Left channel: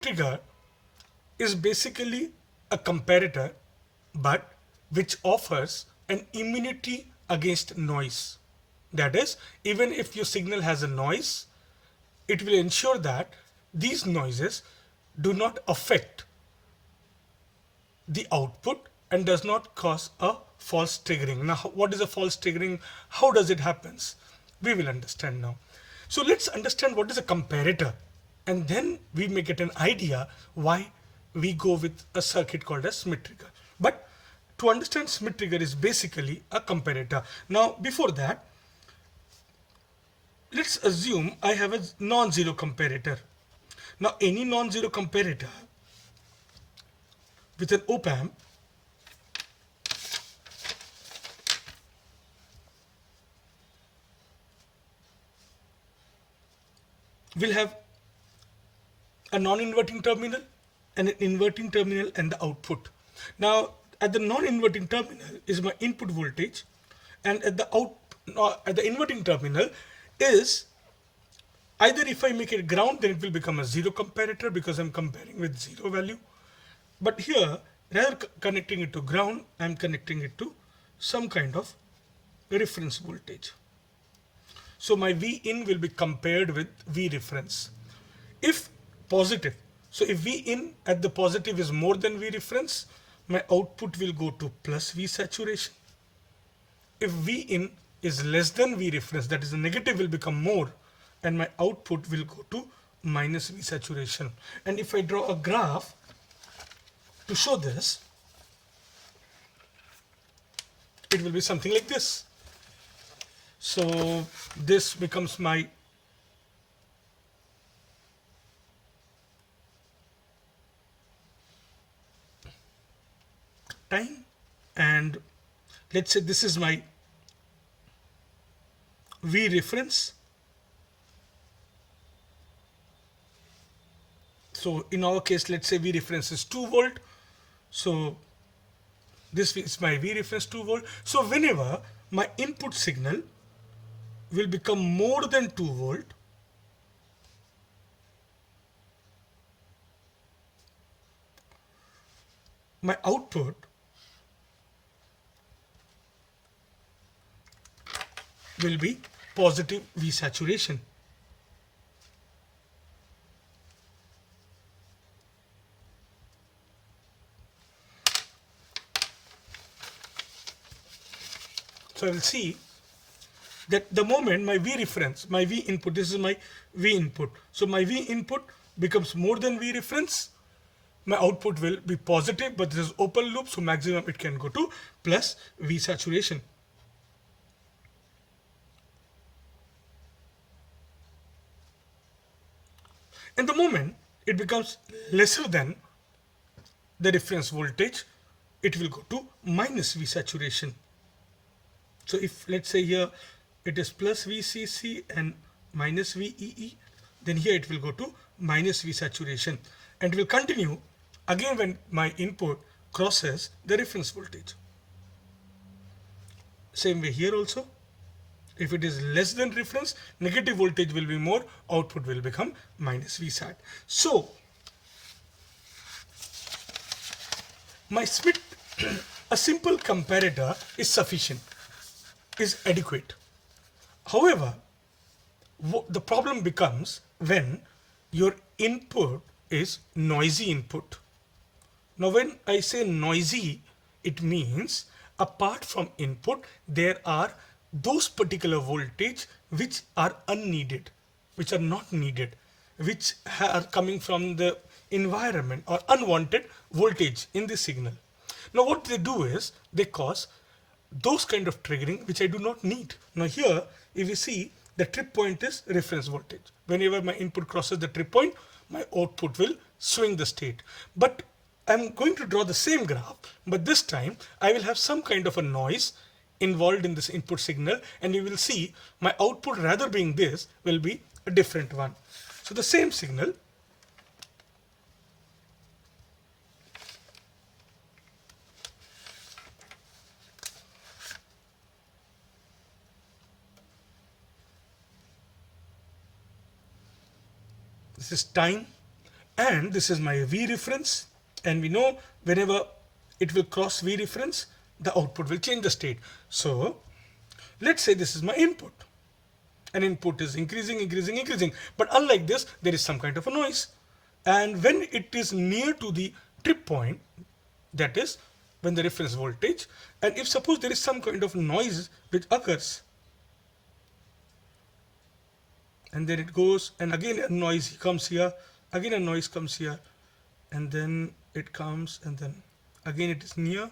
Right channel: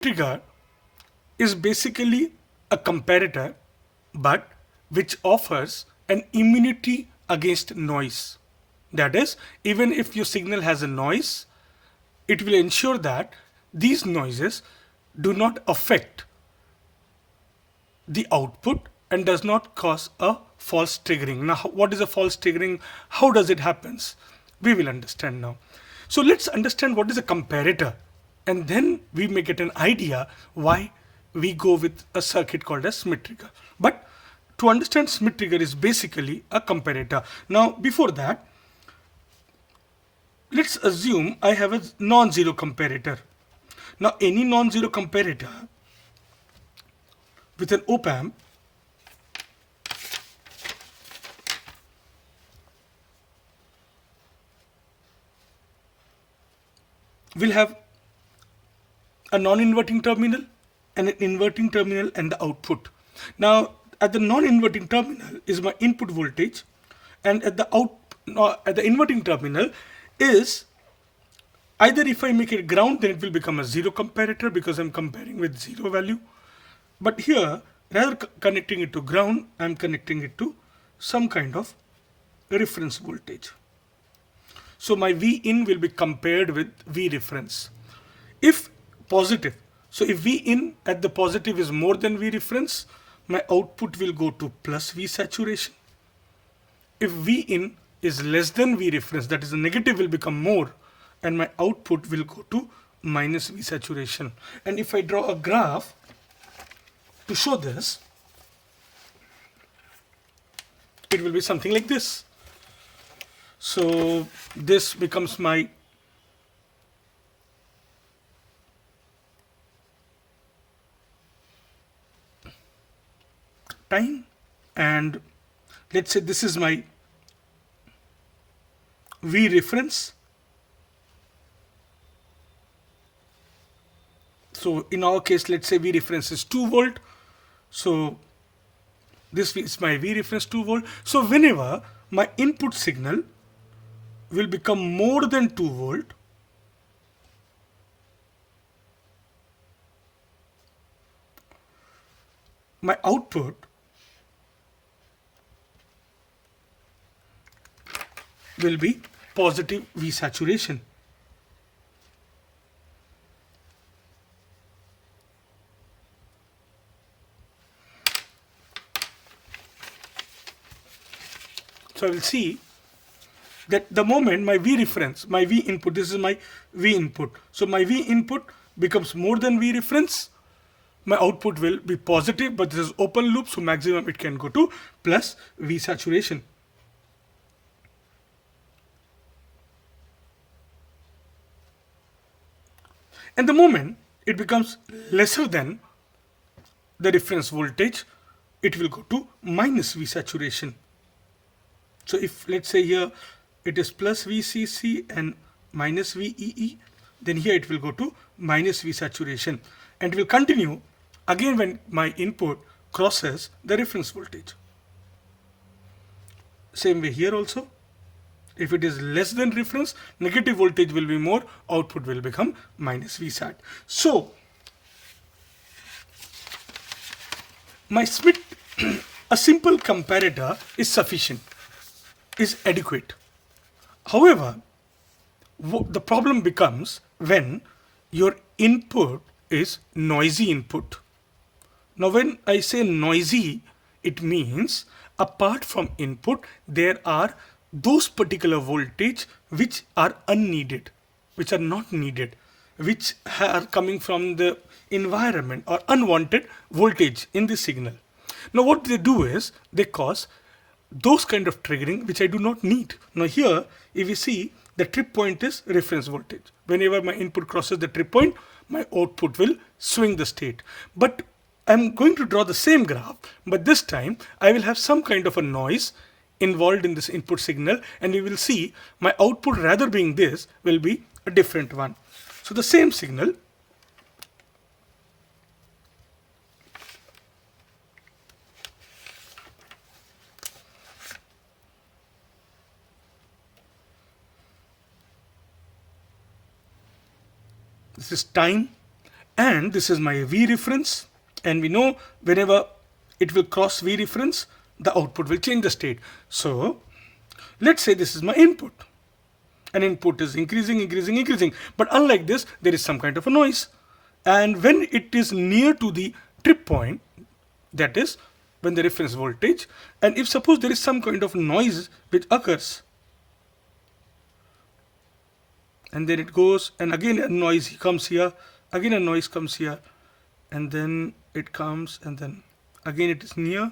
Trigger is basically a comparator but which offers an immunity against noise. That is, even if your signal has a noise, it will ensure that these noises do not affect the output and does not cause a false triggering. Now, what is a false triggering? How does it happens? We will understand now. So let's understand what is a comparator, and then we may get an idea why we go with a circuit called as Schmitt trigger. But to understand Schmitt trigger is basically a comparator. Now, before that, let's assume I have a non-zero comparator. Now, any non-zero comparator with an op amp will have a non-inverting terminal and an inverting terminal and the output. Now, at the non-inverting terminal is my input voltage, and at the at the inverting terminal is either if I make it ground, then it will become a zero comparator because I'm comparing with zero value. But here, rather connecting it to ground, I'm connecting it to some kind of reference voltage. So my V in will be compared with V reference. If positive, so if V in at the positive is more than V reference, my output will go to plus V saturation. If V in is less than V reference, that is the negative will become more, and my output will go to minus V saturation. And if I draw a graph to show this, it will be something like this. So this becomes my time, and let's say this is my V reference. So in our case, let's say V reference is 2 volt. So this is my V reference 2 volt. So whenever my input signal will become more than 2 volt, my output will be positive V saturation. So I will see that the moment my V reference, my V input, this is my V input. So my V input becomes more than V reference, my output will be positive, but this is open loop, so maximum it can go to plus V saturation. And the moment it becomes lesser than the reference voltage, it will go to minus V saturation. So if let's say here it is plus VCC and minus VEE, then here it will go to minus V saturation, and will continue again when my input crosses the reference voltage. Same way here also. If it is less than reference, negative voltage will be more, output will become minus Vsat. So my Schmitt, a simple comparator is sufficient, is adequate. However, the problem becomes when your input is noisy input. Now when I say noisy, it means apart from input, there are those particular voltage which are unneeded, which are not needed, which are coming from the environment or unwanted voltage in the signal. Now what they do is they cause those kind of triggering which I do not need. Now here, if you see, the trip point is reference voltage. Whenever my input crosses the trip point, my output will swing the state. But I'm going to draw the same graph, but this time I will have some kind of a noise involved in this input signal, and you will see my output, rather being this, will be a different one. So the same signal, this is time, and this is my V reference, and we know whenever it will cross V reference, the output will change the state. So let's say this is my input, and input is increasing, increasing, increasing, but unlike this there is some kind of a noise, and when it is near to the trip point, that is when the reference voltage, and if suppose there is some kind of noise which occurs, and then it goes, and again a noise comes here, again a noise comes here, and then it comes, and then again it is near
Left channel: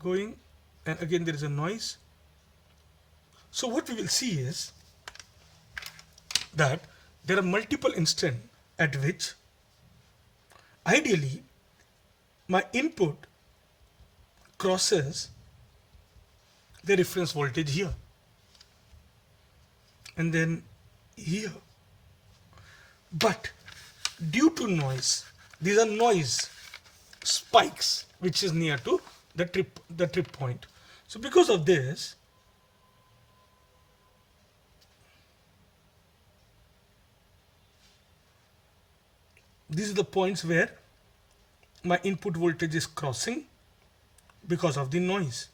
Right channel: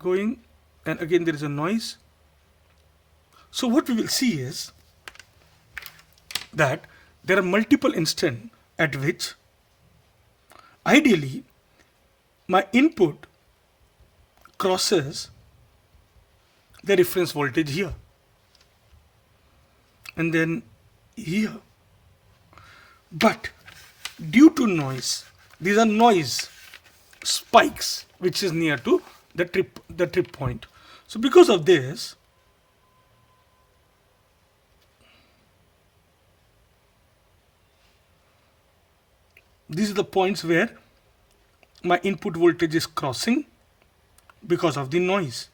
going, and again there is a noise. So what we will see is that there are multiple instances at which ideally my input crosses the reference voltage here, and then here, but due to noise, these are noise spikes which is near to the trip point. So because of this, these are the points where my input voltage is crossing because of the noise.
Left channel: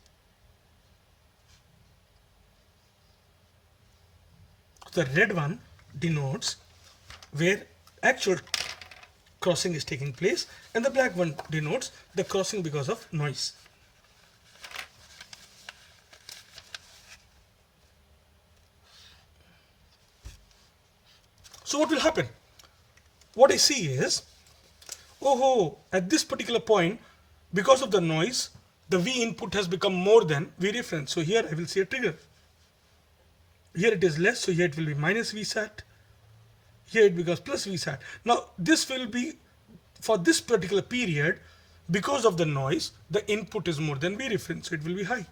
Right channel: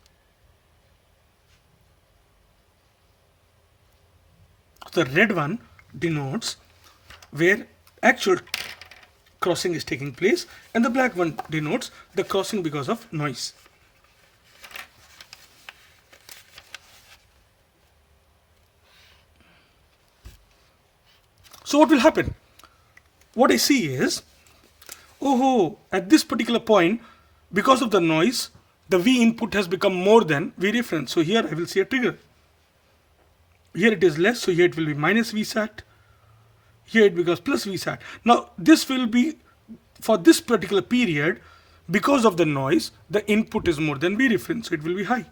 The red one denotes where actual crossing is taking place, and the black one denotes the crossing because of noise. So what will happen? What I see is, oh, at this particular point, because of the noise, the V input has become more than V reference. So here I will see a trigger. Here it is less, so here it will be minus V sat. Here it becomes plus V sat. Now this will be for this particular period, because of the noise, the input is more than V reference, so it will be high.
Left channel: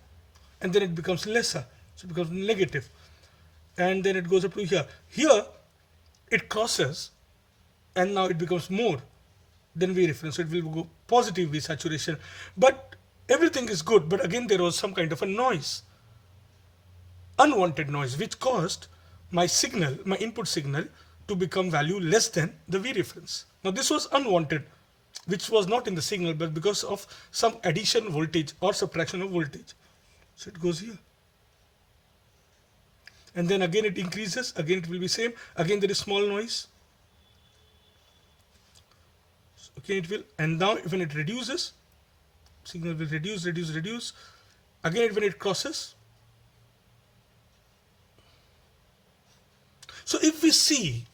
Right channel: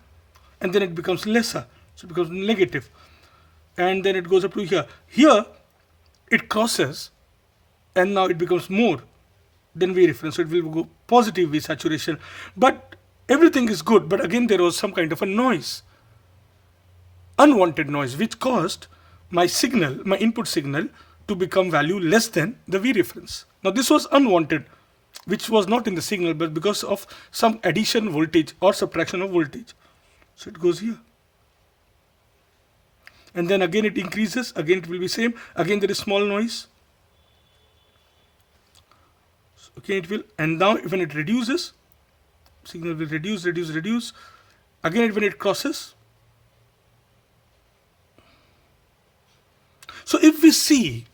And then it becomes lesser, so it becomes negative. And then it goes up to here. Here it crosses, and now it becomes more than V reference, so it will go positive V saturation. But everything is good, but again there was some kind of a noise, unwanted noise, which caused my signal, my input signal, to become value less than the V reference. Now this was unwanted, which was not in the signal, but because of some addition voltage or subtraction of voltage. So it goes here. And then again it increases, again it will be same, again there is small noise. So again it will, and now when it reduces, signal will reduce, reduce, reduce. Again when it crosses. So if we see,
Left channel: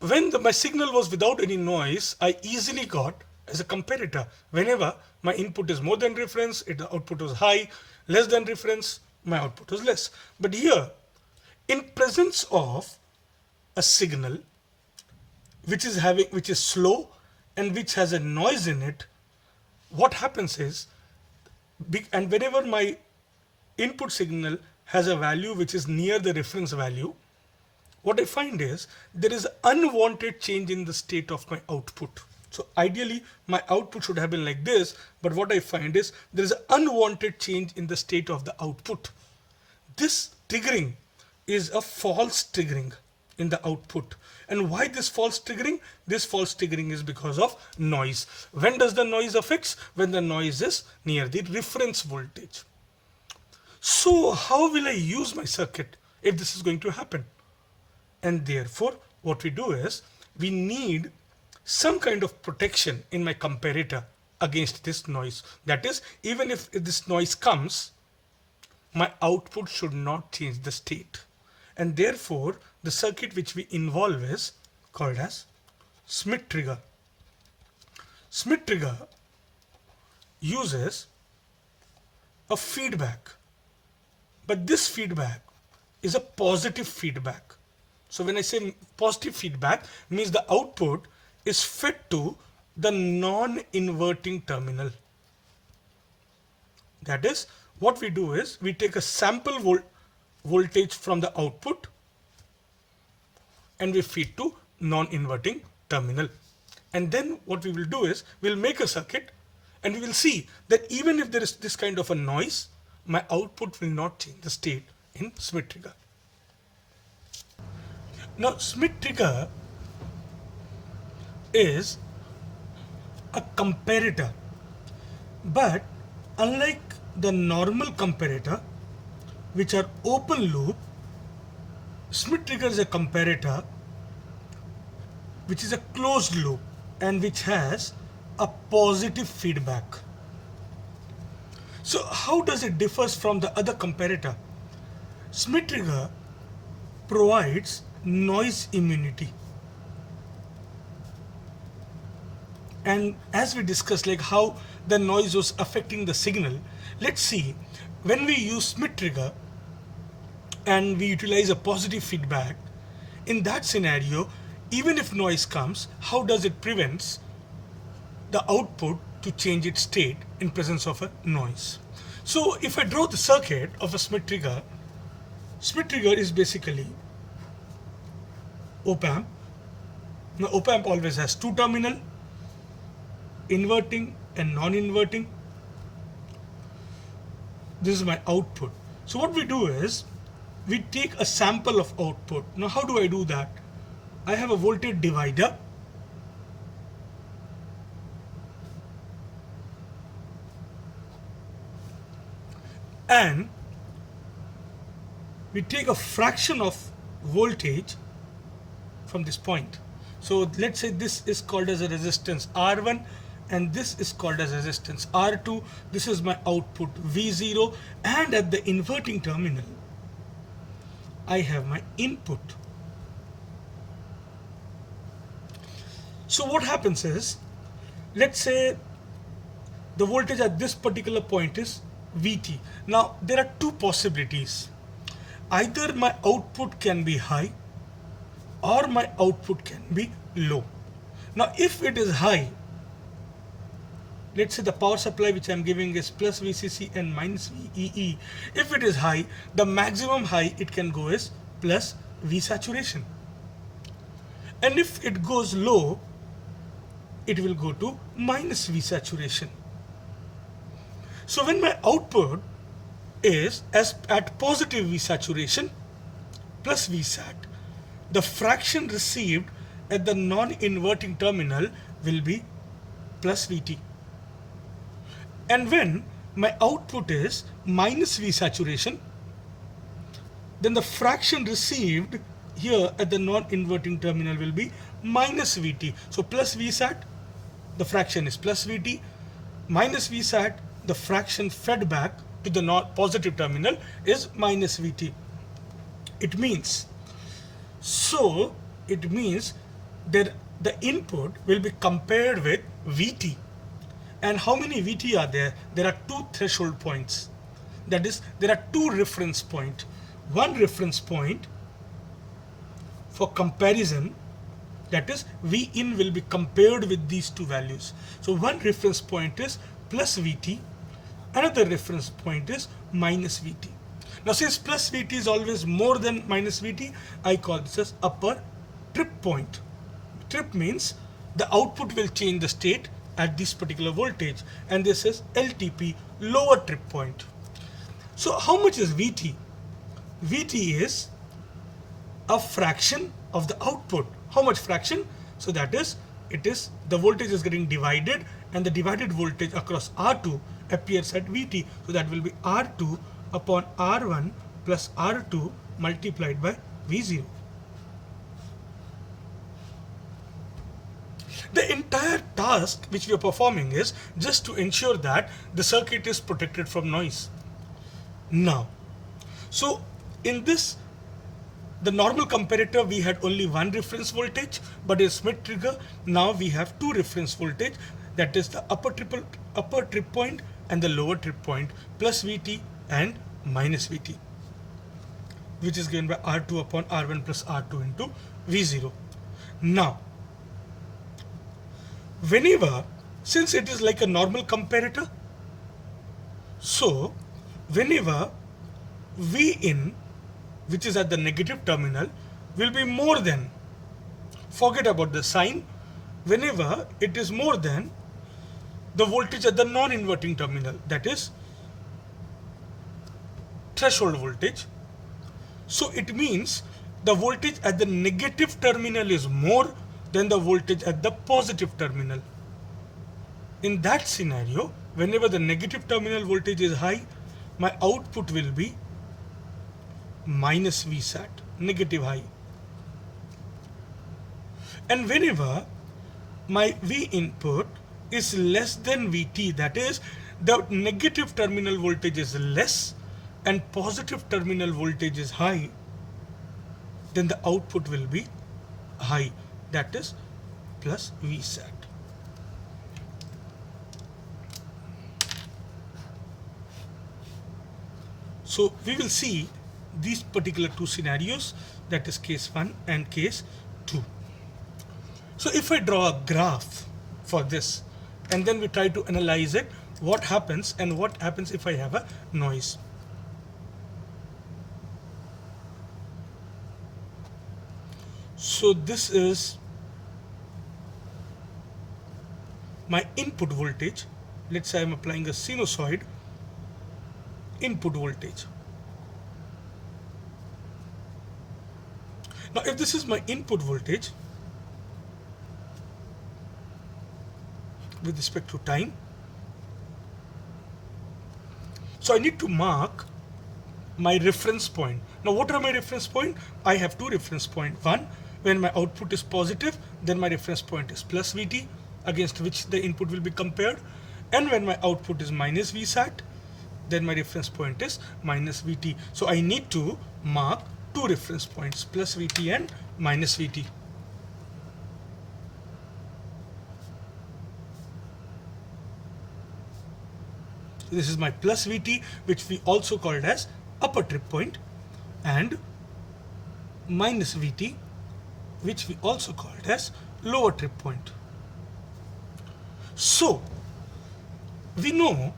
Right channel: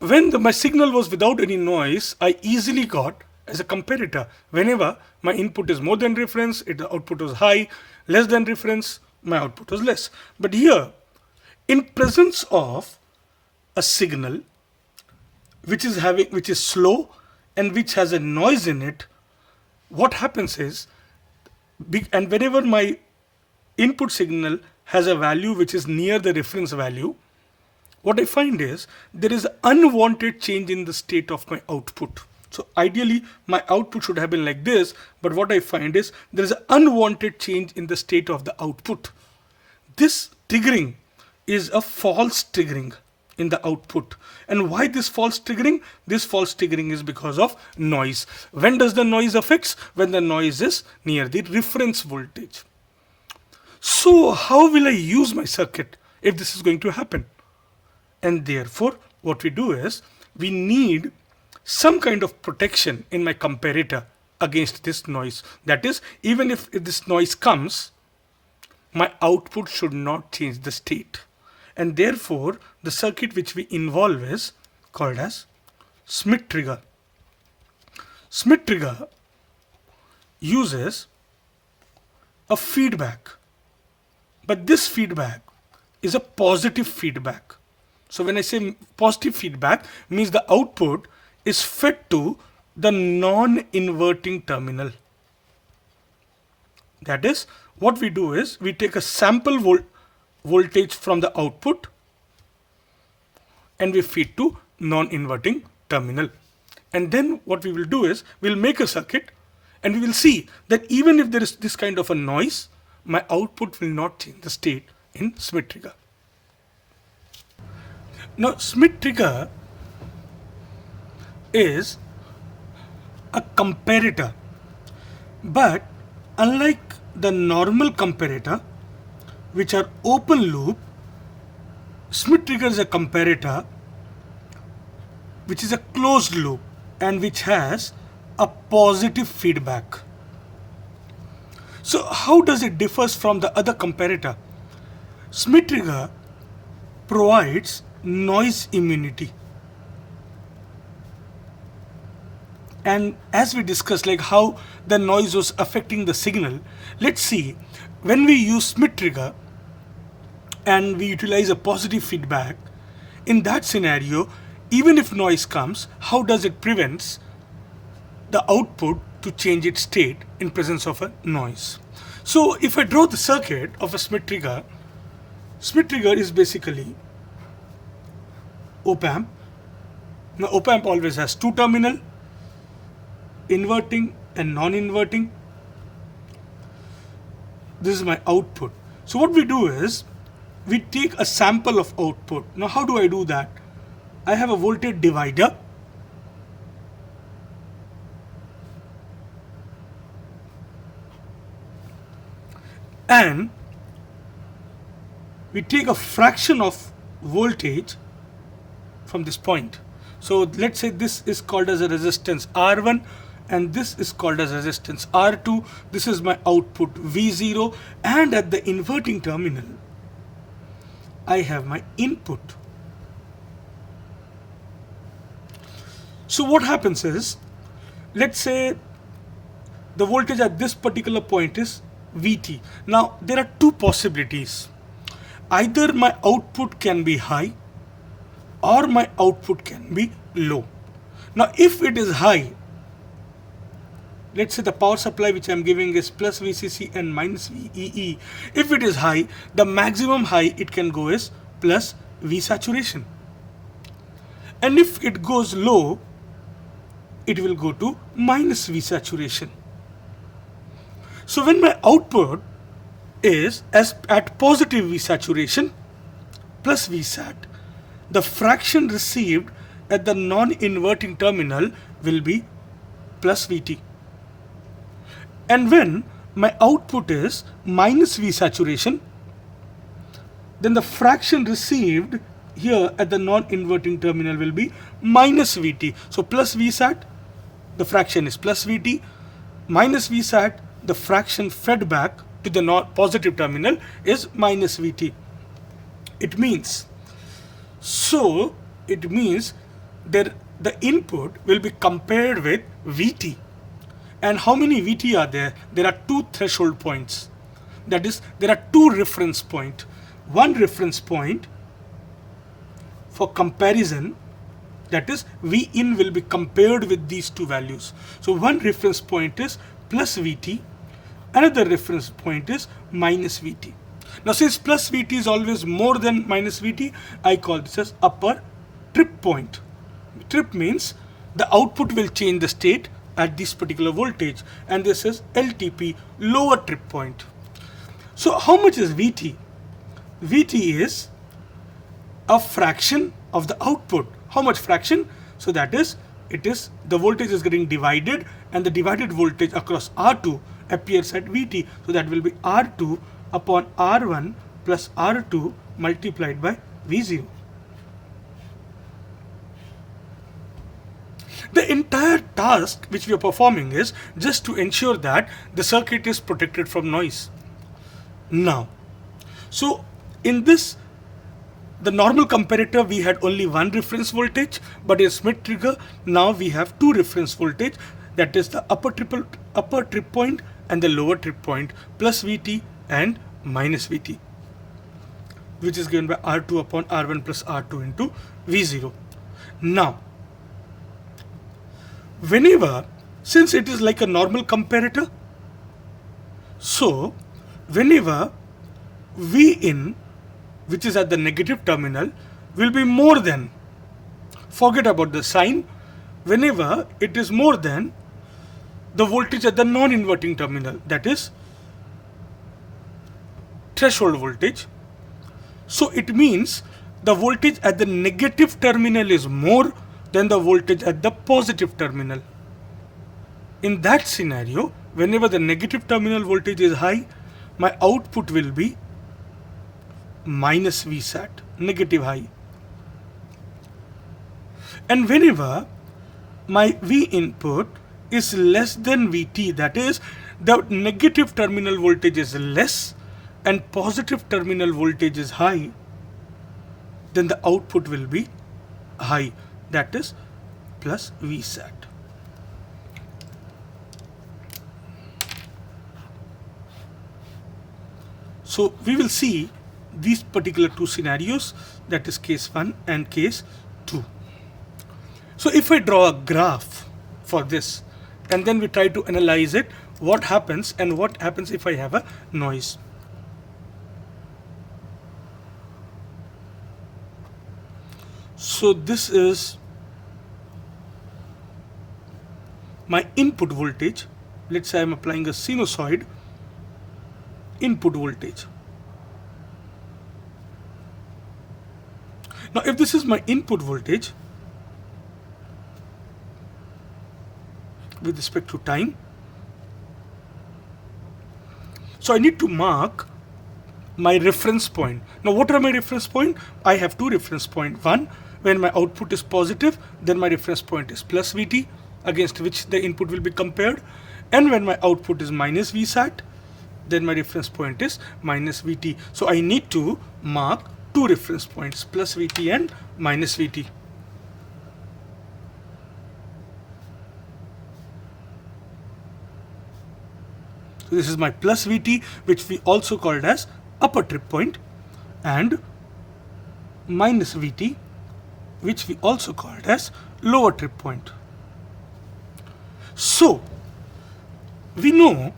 when my signal was without any noise, I easily got as a comparator, whenever my input is more than reference, the output was high, less than reference, my output was less. But here, in presence of a signal which is slow and which has a noise in it, what happens is, and whenever my input signal has a value which is near the reference value, what I find is there is unwanted change in the state of my output. So ideally my output should have been like this, but what I find is there is an unwanted change in the state of the output. This triggering is a false triggering in the output. And why this false triggering? This false triggering is because of noise. When does the noise affects? When the noise is near the reference voltage. So how will I use my circuit if this is going to happen? And therefore what we do is, we need some kind of protection in my comparator against this noise. That is, even if this noise comes, my output should not change the state. And therefore the circuit which we involve is called as Schmitt trigger. Schmitt trigger uses a feedback, but this feedback is a positive feedback. So when I say positive feedback, means the output is fed to the non-inverting terminal. That is, what we do is, we take a sample voltage from the output and we feed to non-inverting terminal. And then what we will do is, we'll make a circuit and we will see that even if there is this kind of a noise, my output will not change the state in Schmitt trigger. Now Schmitt trigger is a comparator. But unlike the normal comparator, which are open loop, Schmitt Trigger is a comparator which is a closed loop and which has a positive feedback. So how does it differ from the other comparator? Schmitt Trigger provides noise immunity. And as we discussed, like how the noise was affecting the signal, let's see, when we use Schmitt Trigger and we utilize a positive feedback, in that scenario, even if noise comes, how does it prevents the output to change its state in presence of a noise? So if I draw the circuit of a Schmitt Trigger is basically op amp. Now op amp always has two terminal, inverting and non-inverting. This is my output. So what we do is we take a sample of output. Now how do I do that? I have a voltage divider and we take a fraction of voltage from this point. So let's say this is called as a resistance R1 and this is called as resistance R2. This is my output V0, and at the inverting terminal I have my input. So what happens is, let's say the voltage at this particular point is Vt. Now there are two possibilities. Either my output can be high or my output can be low. Now if it is high, let's say the power supply which I am giving is plus VCC and minus VEE. If it is high, the maximum high it can go is plus V saturation. And if it goes low, it will go to minus V saturation. So when my output is at positive V saturation plus V sat, the fraction received at the non-inverting terminal will be plus Vt. And when my output is minus V saturation, then the fraction received here at the non-inverting terminal will be minus Vt. So plus V sat, the fraction is plus Vt, minus V sat, the fraction fed back to the positive terminal is minus Vt. It means that the input will be compared with Vt. And how many Vt are there? There are two threshold points. That is, there are two reference points. One reference point for comparison, that is, V in will be compared with these two values. So one reference point is plus Vt, another reference point is minus Vt. Now since plus Vt is always more than minus Vt, I call this as upper trip point. Trip means the output will change the state at this particular voltage, and this is LTP, lower trip point. So how much is Vt? Vt is a fraction of the output. How much fraction? So that is, the voltage is getting divided, and the divided voltage across R2 appears at Vt. So that will be R2 upon R1 plus R2 multiplied by V0. The entire task which we are performing is just to ensure that the circuit is protected from noise. Now, so in this, the normal comparator we had only one reference voltage, but in Schmitt Trigger now we have two reference voltage, that is the upper trip point and the lower trip point, plus Vt and minus Vt, which is given by R2 upon R1 plus R2 into V0. Now, whenever, since it is like a normal comparator, so whenever V in, which is at the negative terminal, will be more than, forget about the sign, whenever it is more than the voltage at the non-inverting terminal, that is threshold voltage. So it means the voltage at the negative terminal is more, than the voltage at the positive terminal. In that scenario, whenever the negative terminal voltage is high, my output will be minus Vsat, negative high. And whenever my V input is less than Vt, that is, the negative terminal voltage is less and positive terminal voltage is high, then the output will be high, that is plus Vsat. So we will see these particular two scenarios, that is case 1 and case 2. So if I draw a graph for this and then we try to analyze it, what happens and what happens if I have a noise. So this is my input voltage. Let's say I'm applying a sinusoid input voltage. Now if this is my input voltage with respect to time, so I need to mark my reference point. Now what are my reference point? I have two reference point. One, when my output is positive, then my reference point is plus Vt, against which the input will be compared. And when my output is minus Vsat, then my reference point is minus Vt. So I need to mark two reference points, plus Vt and minus Vt. So this is my plus Vt, which we also called as upper trip point, and minus Vt, which we also called as lower trip point. So we know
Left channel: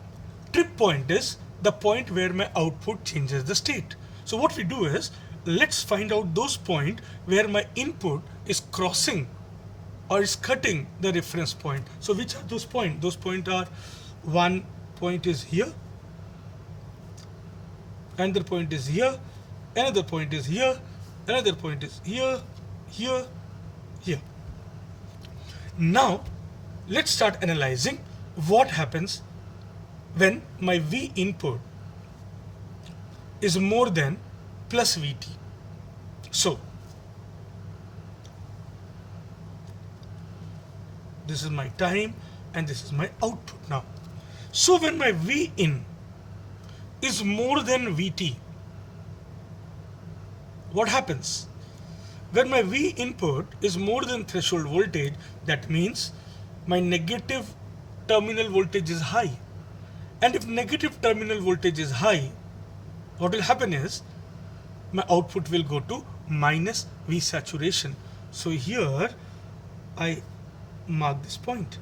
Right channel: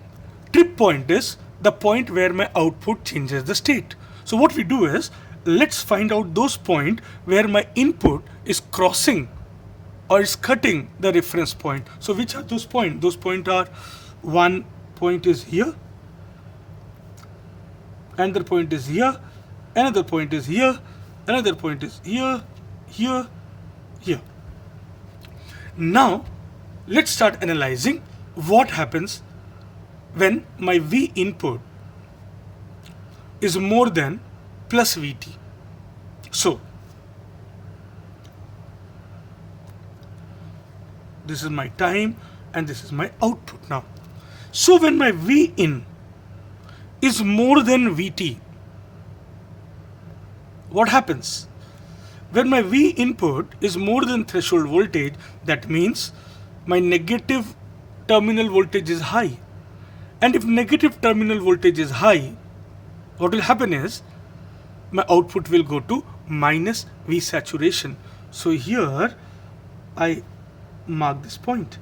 trip point is the point where my output changes the state. So what we do is, let's find out those points where my input is crossing or is cutting the reference point. So which are those points? Those points are, one point is here, another point is here, another point is here, another point is here, here, here. Now let's start analyzing what happens when my V input is more than plus Vt. So this is my time and this is my output now. So when my V in is more than Vt, what happens? When my V input is more than threshold voltage, that means my negative terminal voltage is high. And if negative terminal voltage is high, what will happen is my output will go to minus V saturation. So here I mark this point.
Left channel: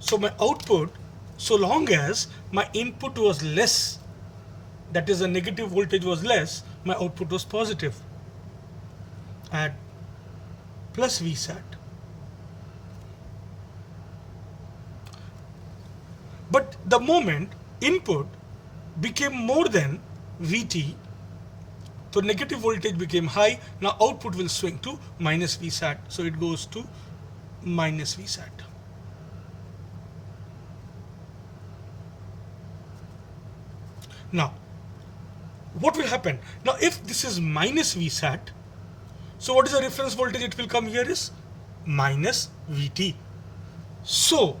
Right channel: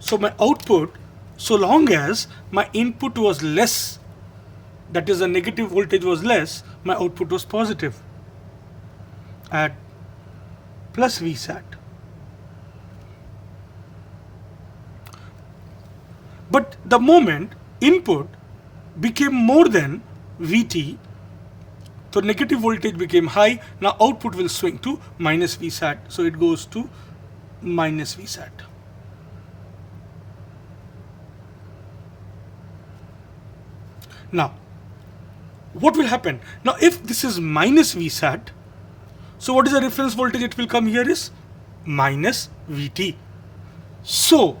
So my output, so long as my input was less, that is the negative voltage was less, my output was positive at plus Vsat. But the moment input became more than Vt, so negative voltage became high, now output will swing to minus Vsat. So it goes to minus Vsat. Now, what will happen? Now, if this is minus Vsat, so what is the reference voltage it will come here is minus Vt. So,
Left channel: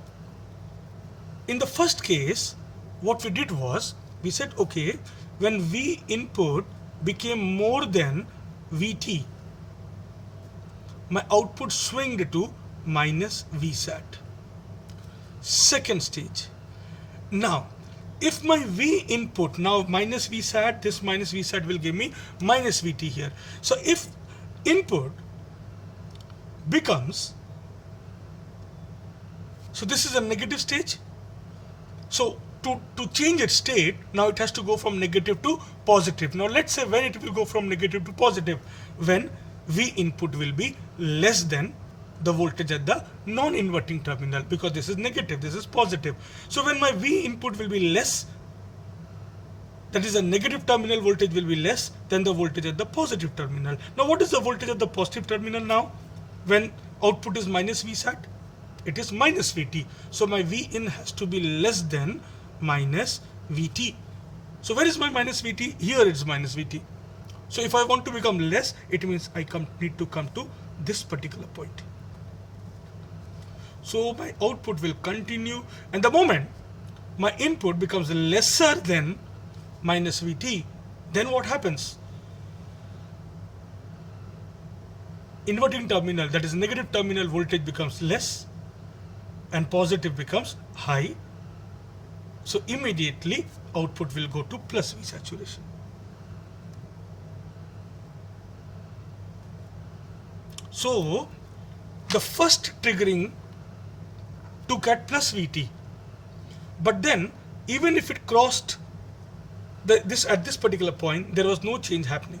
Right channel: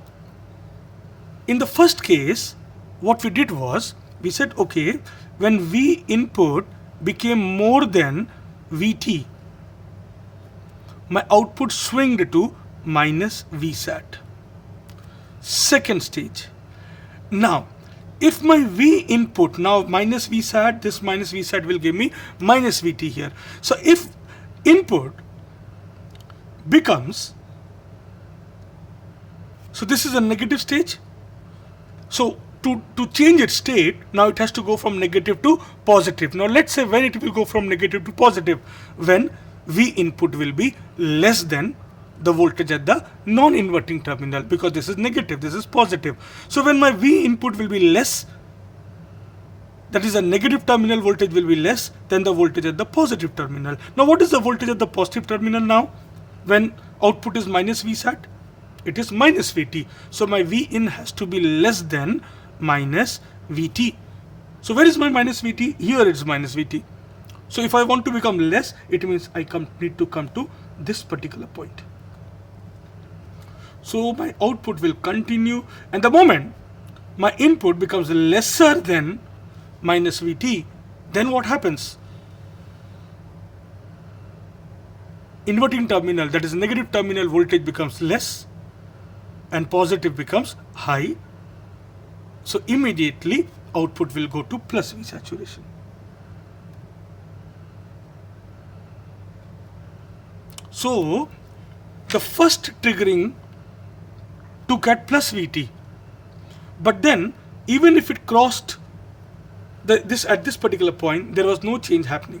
in the first case, what we did was, we said, okay, when V input became more than Vt, my output swinged to minus Vsat. Second stage. Now, if my V input, now minus Vsat, this minus Vsat will give me minus Vt here. So if input becomes, so this is a negative stage. So to change its state, now it has to go from negative to positive. Now let's say when it will go from negative to positive, when V input will be less than the voltage at the non-inverting terminal, because this is negative, this is positive. So when my V input will be less that is, the negative terminal voltage will be less than the voltage at the positive terminal. Now what is the voltage at the positive terminal now? When output is minus Vsat, it is minus Vt. So my Vin has to be less than minus Vt. So where is my minus Vt? Here it's minus Vt. So if I want to become less, it means I need to come to this particular point. So my output will continue, and the moment my input becomes lesser than minus Vt, then what happens? Inverting terminal, that is negative terminal voltage, becomes less and positive becomes high. So immediately output will go to plus V saturation. So the first triggering took at plus Vt, but then even if it crossed this at this particular point, there was no change happening.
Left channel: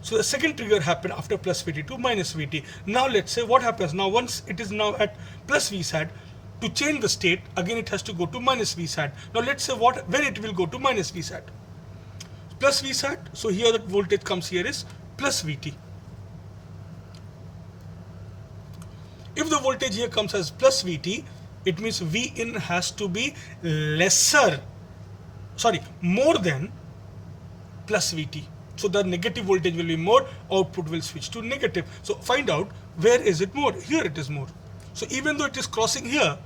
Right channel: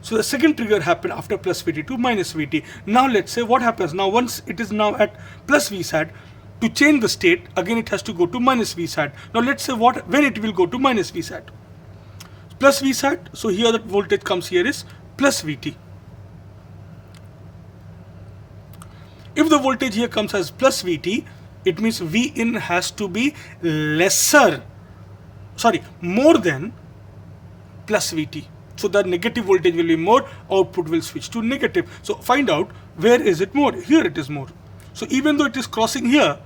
So the second trigger happened after plus Vt to minus Vt. Now let's say what happens now, once it is now at plus Vsat, to change the state again it has to go to minus Vsat. Now let's say when it will go to minus Vsat. Plus Vsat, so here the voltage comes here is plus Vt. If the voltage here comes as plus Vt, it means Vin has to be more than plus Vt. So the negative voltage will be more, output will switch to negative. So find out where is it more. Here it is more. So even though it is crossing here,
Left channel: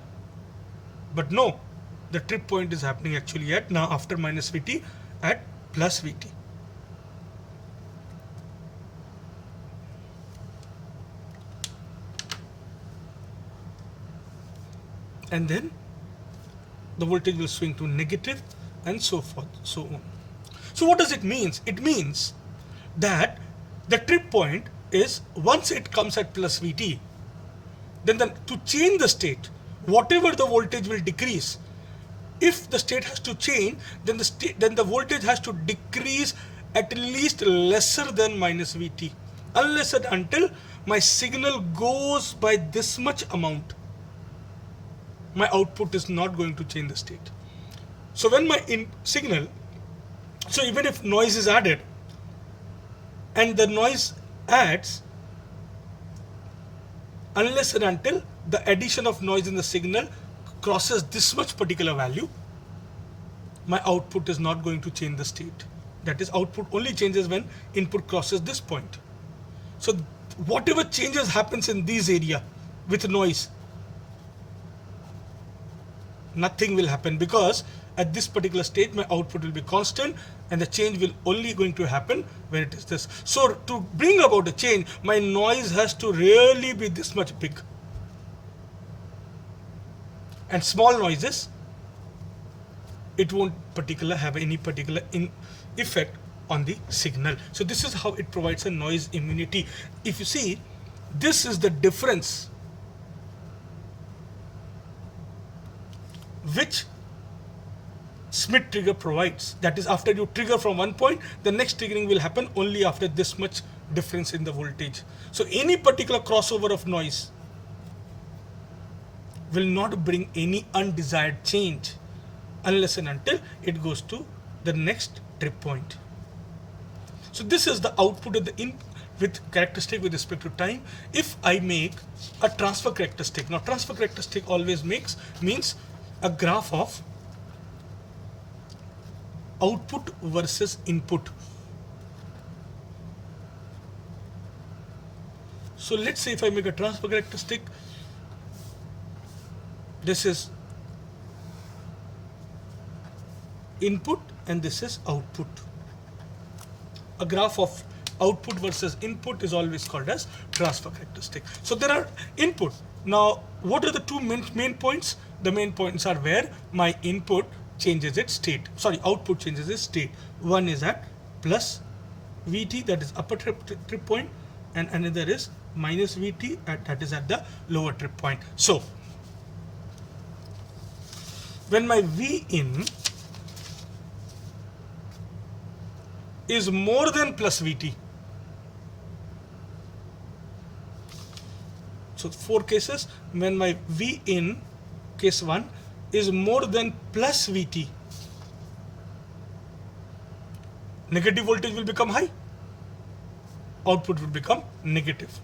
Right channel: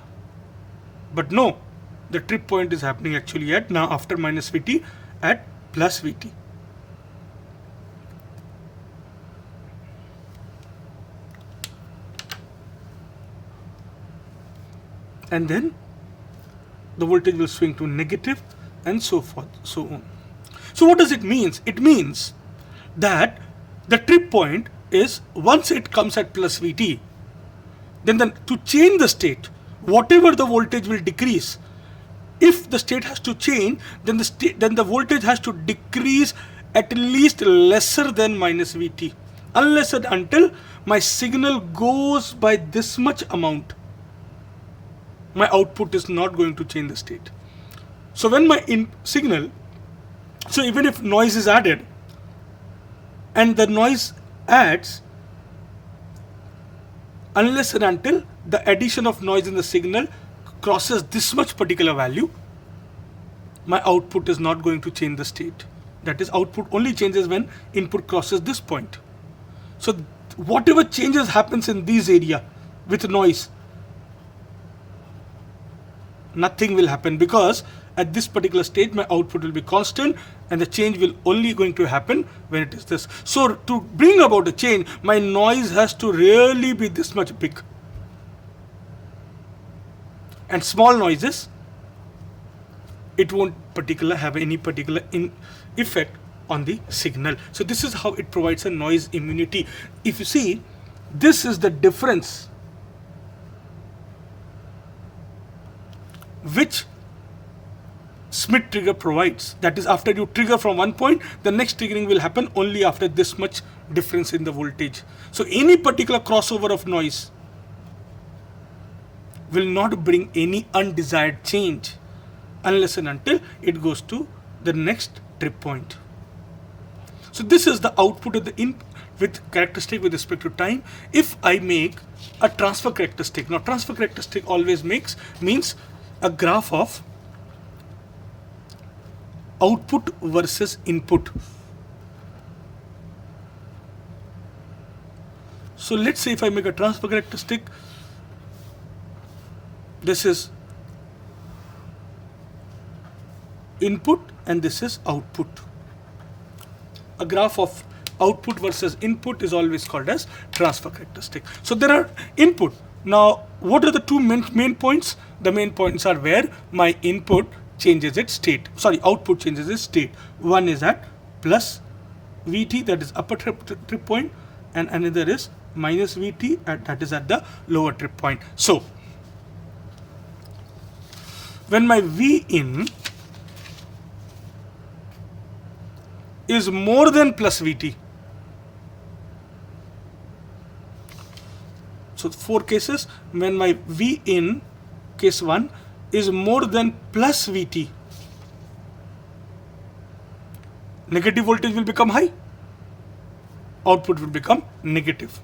but no, the trip point is happening actually at now after minus Vt at plus Vt. And then the voltage will swing to negative and so forth, so on. So what does it mean? It means that the trip point is once it comes at plus Vt, then to change the state, whatever the voltage will decrease, if the state has to change, then the voltage has to decrease at least lesser than minus Vt, unless and until my signal goes by this much amount, my output is not going to change the state. So when my signal, so even if noise is added and the noise adds, unless and until the addition of noise in the signal crosses this much particular value, my output is not going to change the state. That is, output only changes when input crosses this point. So whatever changes happens in this area with noise, nothing will happen, because at this particular stage my output will be constant and the change will only going to happen when it is this. So to bring about a change, my noise has to really be this much big. And small noises, it won't have any particular effect on the signal. So this is how it provides a noise immunity. If you see, this is the difference which Schmitt trigger provides. That is, after you trigger from one point, the next triggering will happen only after this much difference in the voltage. So any particular crossover of noise will not bring any undesired change unless and until it goes to the next trip point. So this is the output of the input with characteristic with respect to time. If I make a transfer characteristic, now transfer characteristic always means a graph of output versus input. So let's say if I make a transfer characteristic, this is input and this is output. A graph of output versus input is always called as transfer characteristic. So there are input. Now what are the two main points? The main points are where my input changes its state. Output changes its state. One is at plus Vt, that is upper trip point, and another is minus Vt, that is at the lower trip point. So when my Vin is more than plus Vt, so 4 cases, when my Vin, case 1, is more than plus Vt, negative voltage will become high, output will become negative.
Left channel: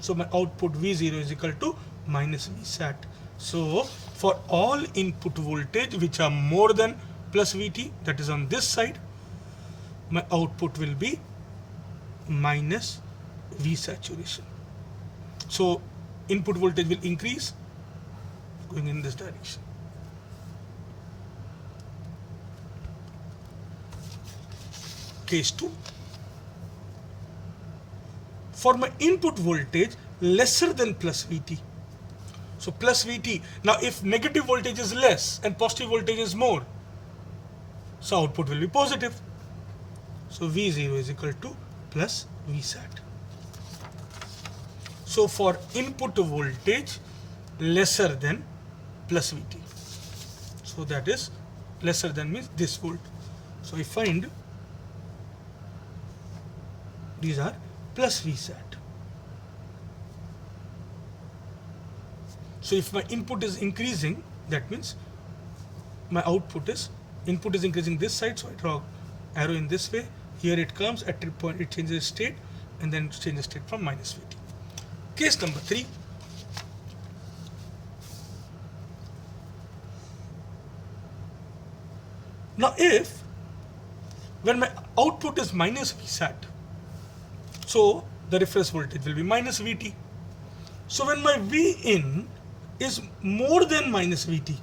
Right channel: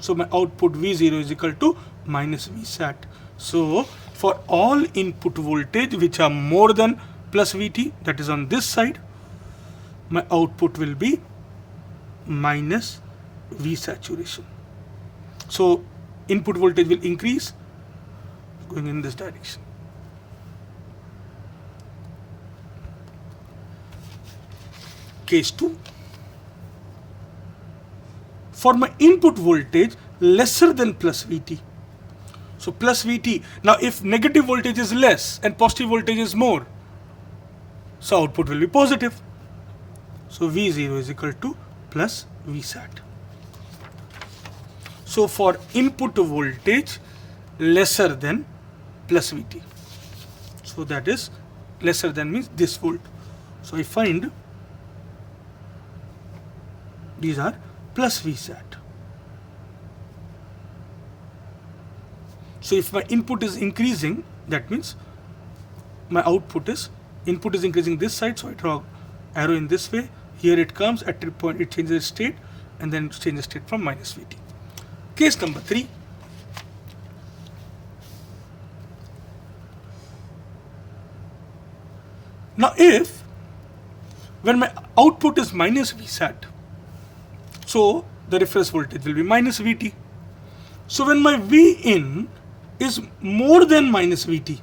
So my output V0 is equal to minus Vsat. So for all input voltage which are more than plus Vt, that is on this side, my output will be minus V saturation. So input voltage will increase going in this direction. Case 2. For my input voltage lesser than plus Vt. So plus Vt. Now if negative voltage is less and positive voltage is more, so output will be positive. So V0 is equal to plus Vsat. So for input voltage lesser than plus Vt. So that is lesser than means this volt. So I find these are plus Vsat. So if my input is increasing, that means my input is increasing this side, so I draw arrow in this way. Here it comes at trip point, it changes state and then changes state from minus Vt. Case number 3. Now if when my output is minus Vsat, so the reference voltage will be minus Vt. So when my Vin is more than minus Vt,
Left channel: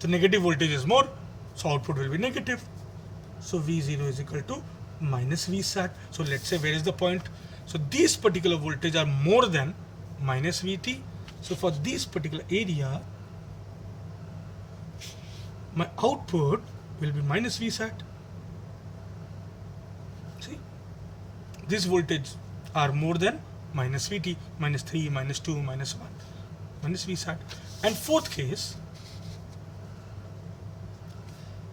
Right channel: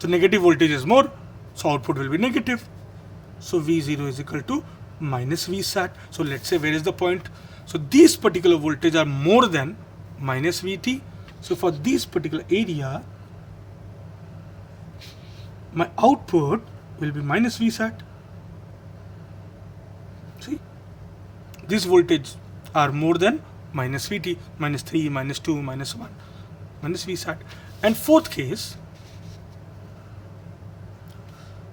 the negative voltage is more, so output will be negative. So V0 is equal to minus Vsat. So let's say where is the point? So these particular voltage are more than minus Vt. So for this particular area, my output will be minus Vsat. See, these voltage are more than minus Vt, minus 3, minus 2, minus 1, minus Vsat. And fourth case,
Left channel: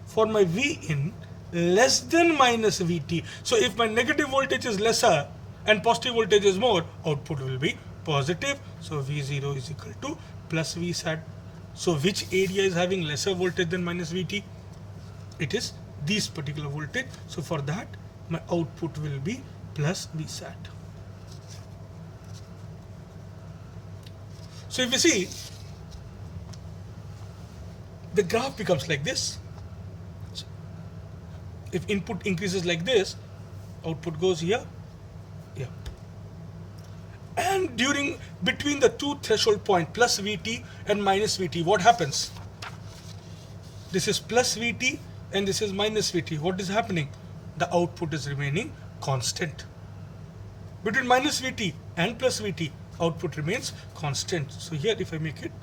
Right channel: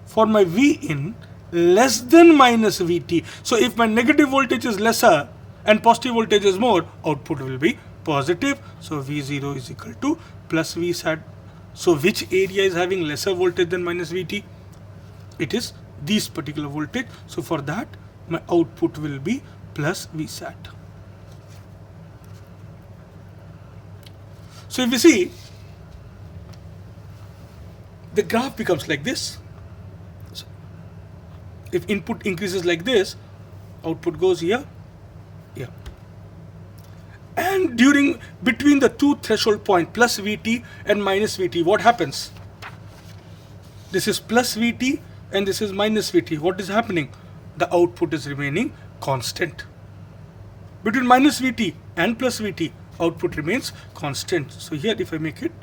for my Vin less than minus Vt. So if my negative voltage is lesser and positive voltage is more, output will be positive. So V0 is equal to plus Vsat. So which area is having lesser voltage than minus Vt? It is this particular voltage. So for that, my output will be plus Vsat. So if you see, the graph becomes like this. If input increases like this, output goes here, here. And between the two threshold point, plus Vt and minus Vt, what happens? This is plus Vt and this is minus Vt. What is happening? The output is remaining constant. Between minus Vt and plus Vt, output remains constant. So here if I make it,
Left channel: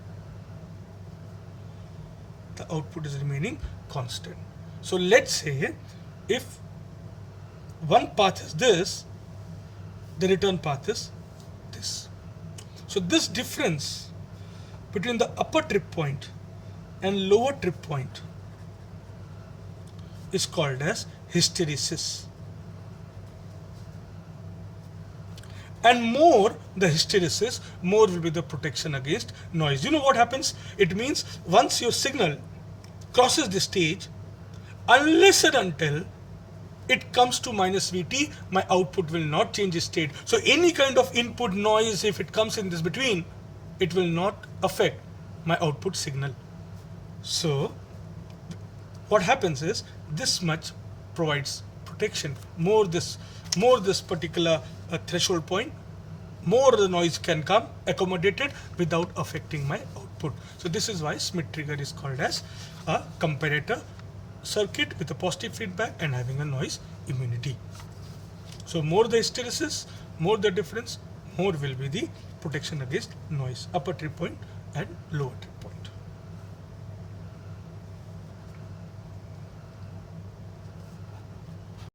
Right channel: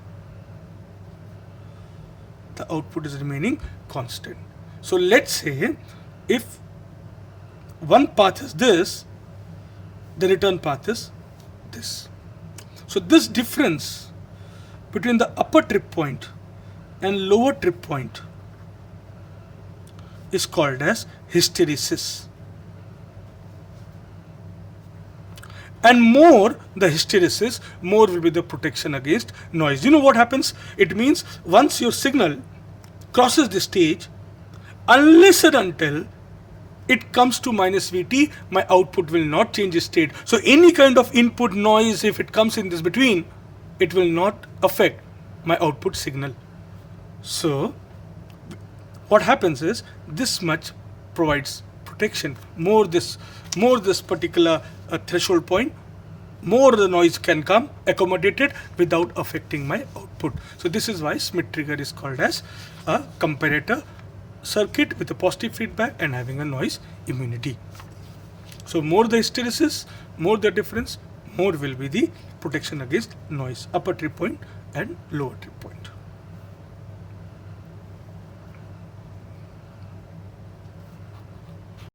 the output is remaining constant. So let's say if one path is this, the return path is this. So this difference between the upper trip point and lower trip point is called as hysteresis. And more the hysteresis, more will be the protection against noise. You know what happens? It means once your signal crosses the stage, unless and until it comes to minus Vt, my output will not change its state. So any kind of input noise, if it comes in this between, it will not affect my output signal. So what happens is this much provides protection. More this particular threshold point, more the noise can come accommodated without affecting my output. So this is why Schmitt trigger is called as a comparator circuit with a positive feedback and having a noise immunity. So more the hysteresis, more the difference, more will be the protection against noise, upper trip point and lower trip point.